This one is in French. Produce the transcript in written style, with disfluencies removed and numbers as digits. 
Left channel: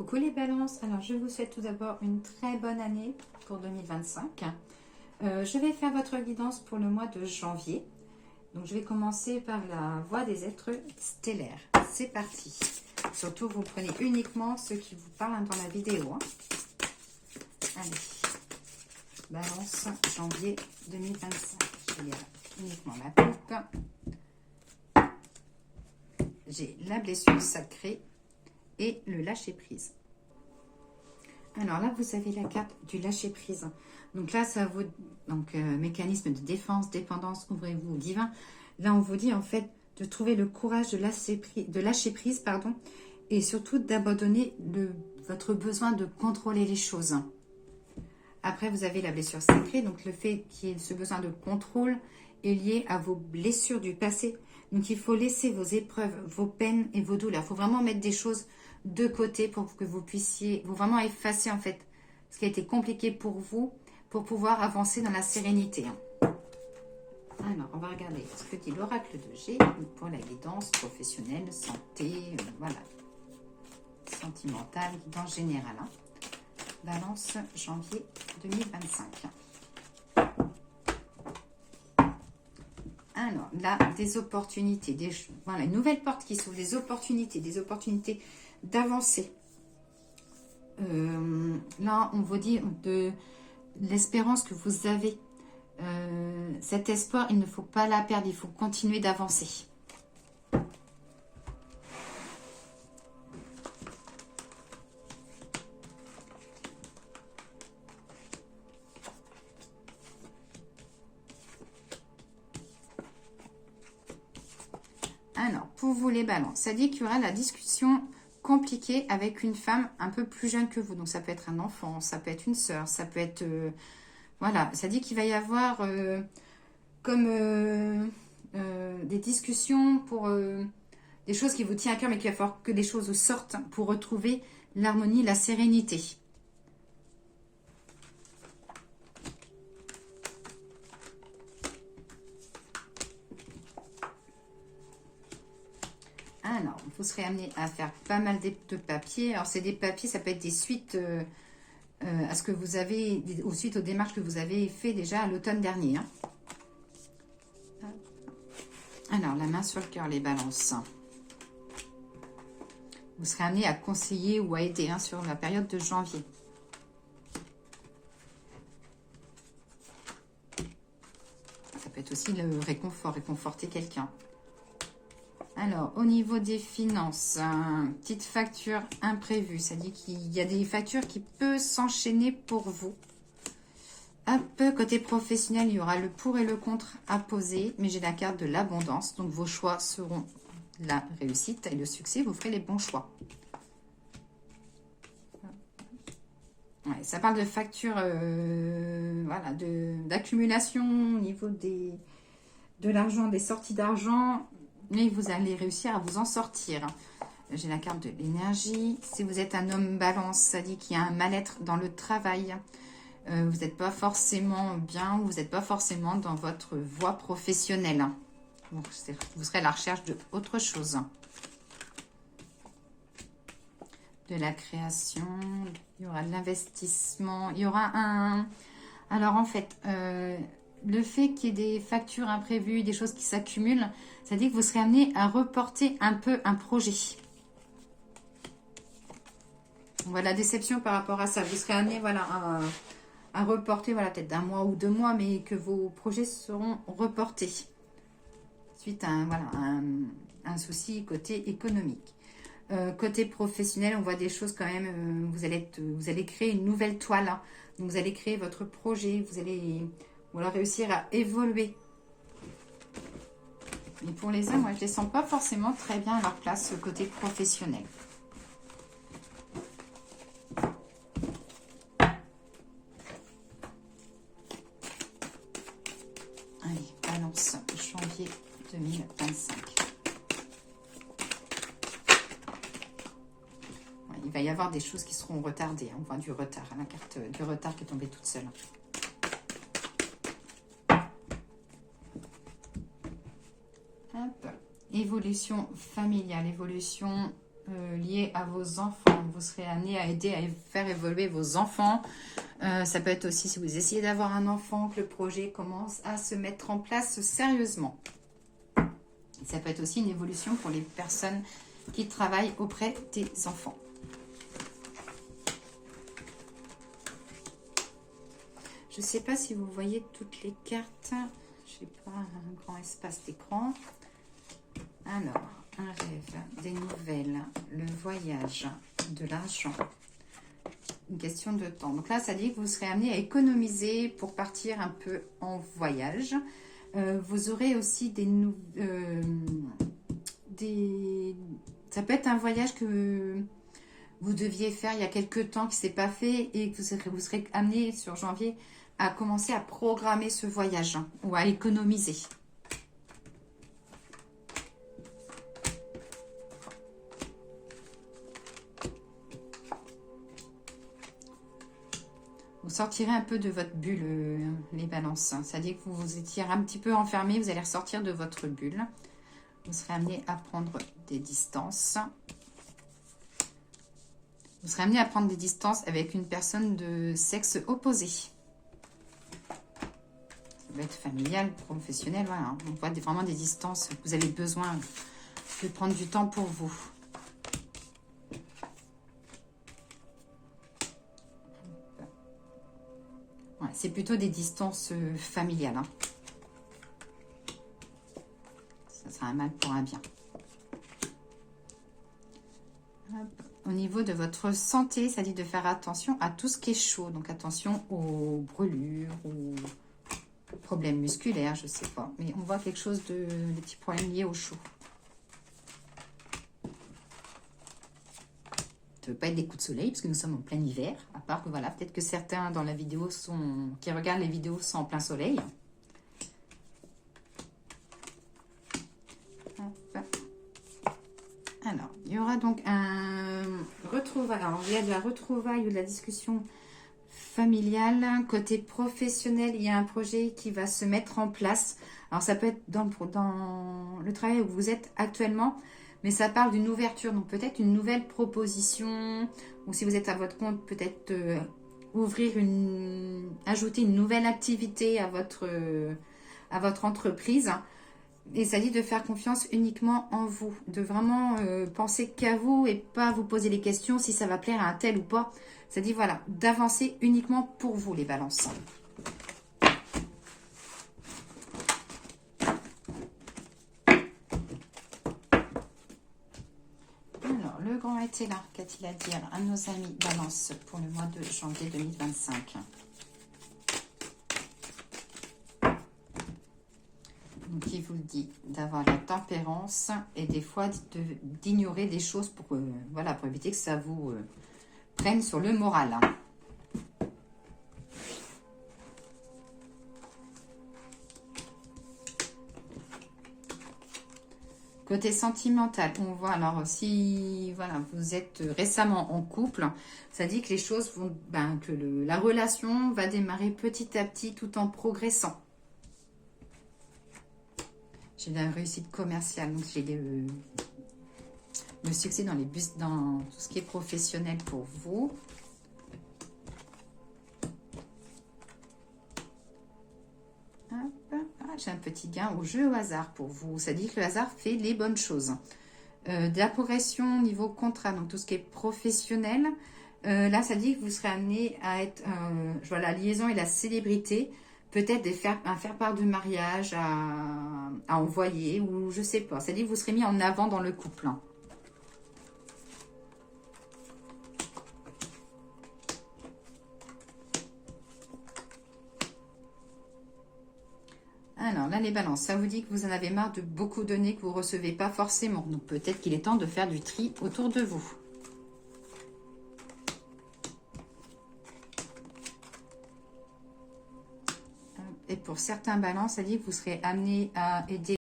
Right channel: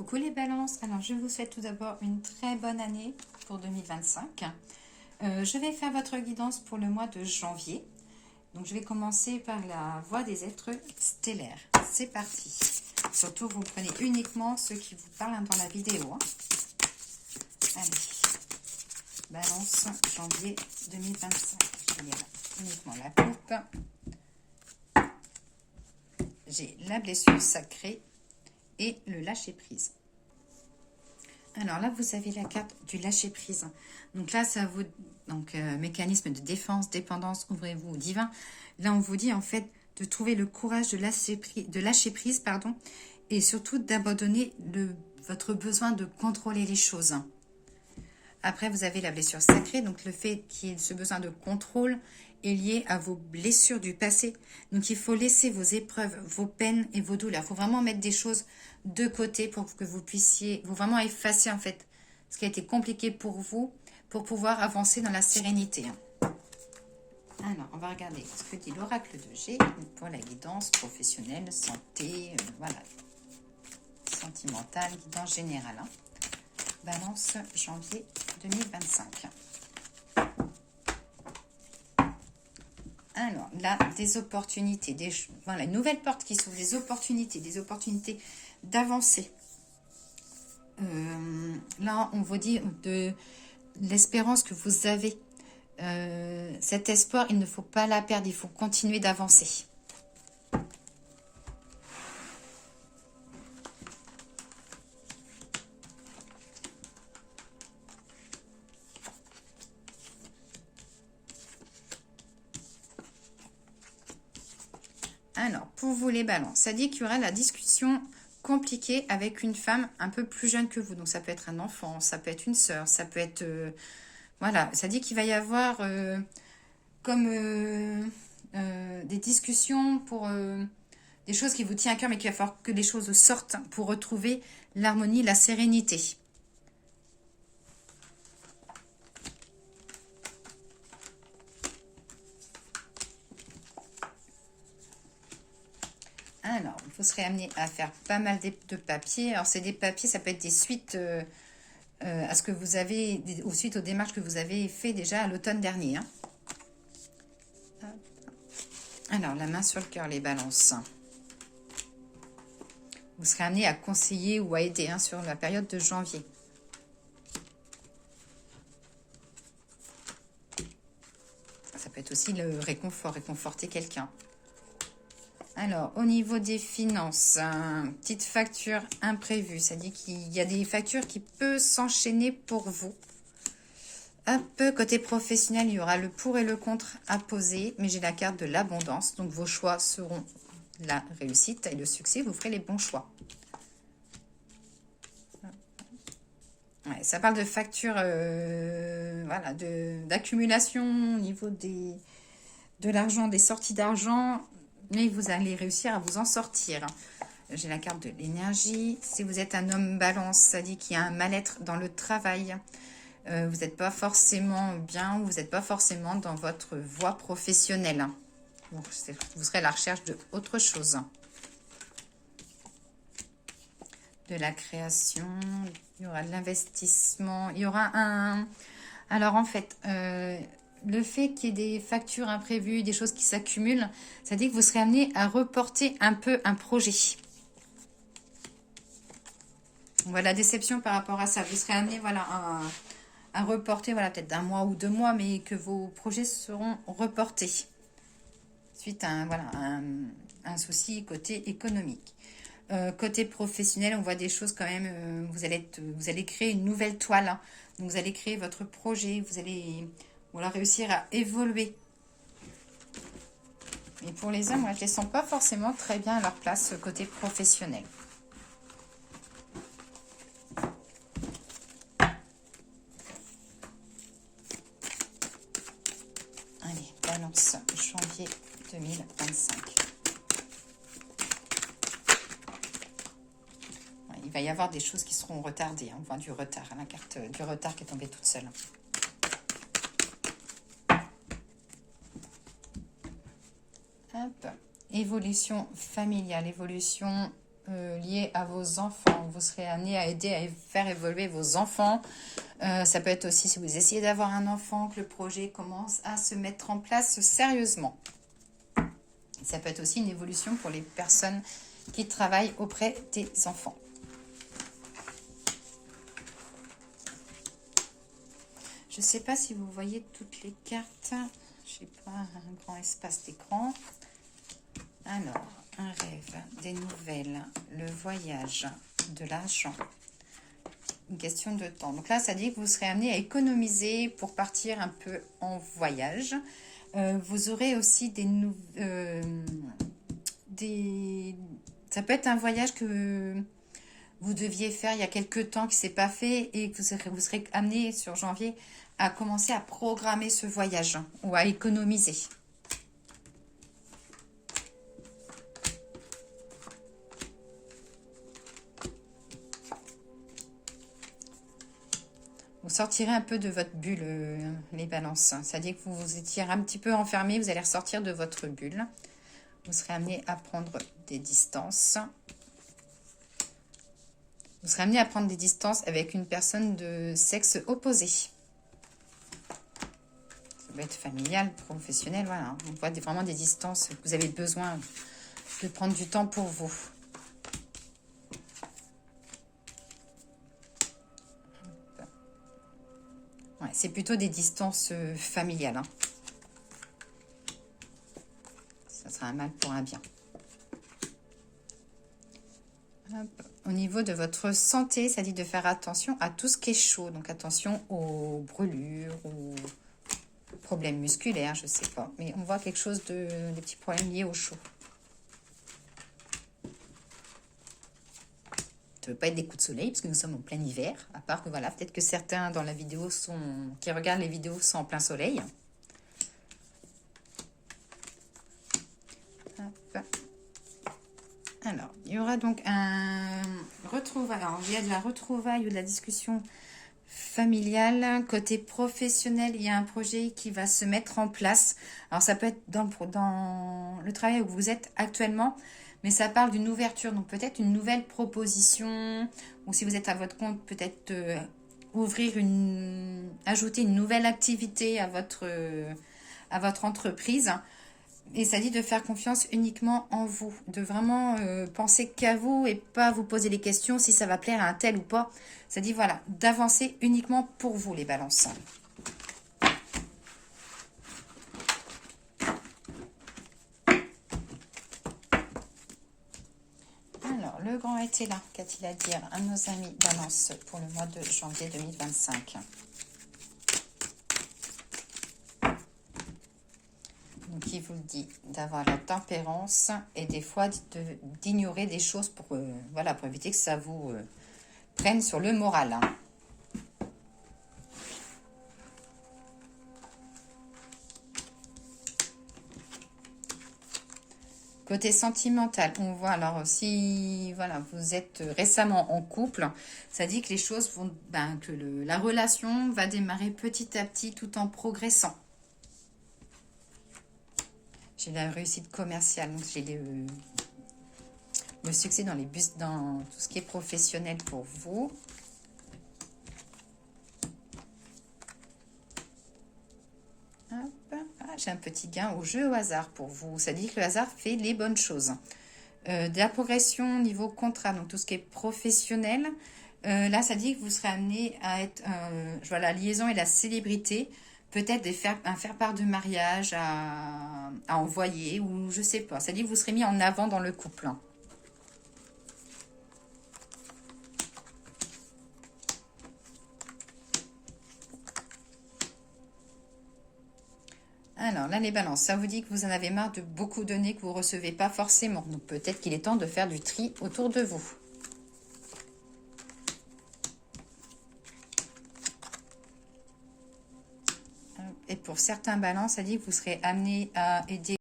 Coucou les balances, alors je vous souhaite tout d'abord une très bonne année pour 2025. Je vais faire votre guidance pour le mois de janvier. Donc je vais commencer par la voie des êtres stellaires. C'est parti. Surtout vous prenez uniquement ceux qui vous parlent dans la vidéo. Allez, balance janvier 2025. J'ai uniquement la coupe. J'ai la blessure sacrée et le lâcher prise. Alors là, vous avez la carte du lâcher prise. Donc là, ça vous mécanisme de défense, dépendance, ouvrez-vous au divin. Là, on vous dit en fait de trouver le courage de lâcher prise, pardon, et surtout d'abandonner votre besoin de contrôler les choses. Après, vous avez la blessure sacrée, donc le fait qu'il y ait ce besoin de contrôle est lié à vos blessures du passé. Donc il faut laisser vos épreuves, vos peines et vos douleurs. Il faut vraiment mettre des choses de côté pour que vous puissiez vous vraiment effacer en fait ce qui a été compliqué pour vous pour pouvoir avancer dans la sérénité. Alors, on va regarder ce que dit l'oracle de G pour la guidance professionnelle, santé, voilà, sentimentale, guidance générale. Balance janvier 2025. Alors, là, des opportunités, voilà, une nouvelle porte qui s'ouvre, des opportunités d'avancer. Là, on vous dit de l'espérance que vous avez. Cet espoir, il ne faut pas la perdre, il faut continuer d'avancer. Alors, pour vous les balances, ça dit qu'il y aura la discussion compliquée avec une femme un peu plus jeune que vous. Donc, ça peut être un enfant, ça peut être une sœur, ça peut être... voilà, ça dit qu'il va y avoir des discussions pour des choses qui vous tiennent à cœur, mais qu'il va falloir que les choses sortent pour retrouver l'harmonie, la sérénité. Alors, vous serez amené à faire pas mal de papiers. Alors, c'est des papiers, ça peut être des suites à ce que vous avez, suite aux démarches que vous avez fait déjà à l'automne dernier. Alors, la main sur le cœur, les balances. Vous serez amené à conseiller ou à aider sur la période de janvier. Ça peut être aussi le réconfort, réconforter quelqu'un. Alors, au niveau des finances, petite facture imprévue. Ça dit qu'il y a des factures qui peuvent s'enchaîner pour vous. Hop, côté professionnel, il y aura le pour et le contre à poser. Mais j'ai la carte de l'abondance. Donc, vos choix seront la réussite et le succès. Vous ferez les bons choix. Ouais, ça parle de factures, voilà, d'accumulation au niveau de l'argent, des sorties d'argent. Mais vous allez réussir à vous en sortir. J'ai la carte de l'énergie. Si vous êtes un homme balance, ça dit qu'il y a un mal-être dans le travail. Vous n'êtes pas forcément bien ou vous n'êtes pas forcément dans votre voie professionnelle. Donc, vous serez à la recherche d'autre chose. De la création, il y aura de l'investissement. Il y aura un... Alors, en fait... le fait qu'il y ait des factures imprévues, des choses qui s'accumulent, ça dit que vous serez amené à reporter un peu un projet. Voilà, déception par rapport à ça. Vous serez amené voilà, à reporter voilà, peut-être d'un mois ou 2 mois, mais que vos projets seront reportés. Suite à un souci côté économique. Côté professionnel, on voit des choses quand même. Vous allez créer une nouvelle toile. Hein. Donc, vous allez créer votre projet. Vous allez réussir à évoluer. Mais pour les hommes, moi, je ne les sens pas forcément très bien à leur place côté professionnel. Allez, balance janvier 2025. Ouais, il va y avoir des choses qui seront retardées. On voit du retard, la carte du retard qui est tombée toute seule. Hop. Évolution familiale, évolution lié à vos enfants. Vous serez amené à aider à faire évoluer vos enfants. Ça peut être aussi si vous essayez d'avoir un enfant, que le projet commence à se mettre en place sérieusement. Ça peut être aussi une évolution pour les personnes qui travaillent auprès des enfants. Je ne sais pas si vous voyez toutes les cartes. Je n'ai pas un grand espace d'écran. Alors, un rêve, des nouvelles, le voyage, de l'argent. Une question de temps. Donc là, ça dit que vous serez amené à économiser pour partir un peu en voyage. Vous aurez aussi ça peut être un voyage que vous deviez faire il y a quelques temps qui ne s'est pas fait et que vous serez amené sur janvier à commencer à programmer ce voyage ou à économiser. Vous sortirez un peu de votre bulle, les balances. C'est-à-dire que vous vous étiez un petit peu enfermé, vous allez ressortir de votre bulle. Vous serez amené à prendre des distances. Vous serez amené à prendre des distances avec une personne de sexe opposé. Ça peut être familial, professionnel, voilà. On voit vraiment des distances. Vous avez besoin de prendre du temps pour vous. Ouais, c'est plutôt des distances familiales. Hein. Ça sera un mal pour un bien. Hop. Au niveau de votre santé, ça dit de faire attention à tout ce qui est chaud. Donc attention aux brûlures, aux problèmes musculaires, je ne sais pas. Mais on voit quelque chose de petits problèmes liés au chaud. Ça ne veut pas être des coups de soleil, parce que nous sommes en plein hiver. À part que voilà, peut-être que certains dans la vidéo qui regardent les vidéos sont en plein soleil. Hop. Alors, il y aura donc un retrouvaille. Alors, il y a de la retrouvaille ou de la discussion familiale. Côté professionnel, il y a un projet qui va se mettre en place. Alors, ça peut être dans le travail où vous êtes actuellement, mais ça parle d'une ouverture. Donc, peut-être une nouvelle proposition, ou si vous êtes à votre compte, peut-être ajouter une nouvelle activité à votre entreprise. Et ça dit de faire confiance uniquement en vous, de vraiment penser qu'à vous et pas vous poser les questions si ça va plaire à un tel ou pas. Ça dit voilà, d'avancer uniquement pour vous les balances. Alors, le grand était là, qu'a-t-il à dire à nos amis balance pour le mois de janvier 2025? Donc, il vous le dit, d'avoir la tempérance et des fois d'ignorer des choses pour, voilà, pour éviter que ça vous prenne sur le moral. Hein. Côté sentimental, on voit alors si voilà, vous êtes récemment en couple, ça dit que les choses vont, que la relation va démarrer petit à petit tout en progressant. J'ai la réussite commerciale, donc j'ai le succès dans tout ce qui est professionnel pour vous. J'ai un petit gain au jeu au hasard pour vous. Ça dit que le hasard fait les bonnes choses. De la progression au niveau contrat, donc tout ce qui est professionnel. Là, ça dit que vous serez amené à être la liaison et la célébrité. Peut-être un faire-part de mariage à envoyer ou je sais pas. Ça dit que vous serez mis en avant dans le couple. Hein. Alors là, les balances, ça vous dit que vous en avez marre de beaucoup donner que vous ne recevez pas forcément. Donc peut-être qu'il est temps de faire du tri autour de vous. Et pour certains balances, ça dit que vous serez amené à aider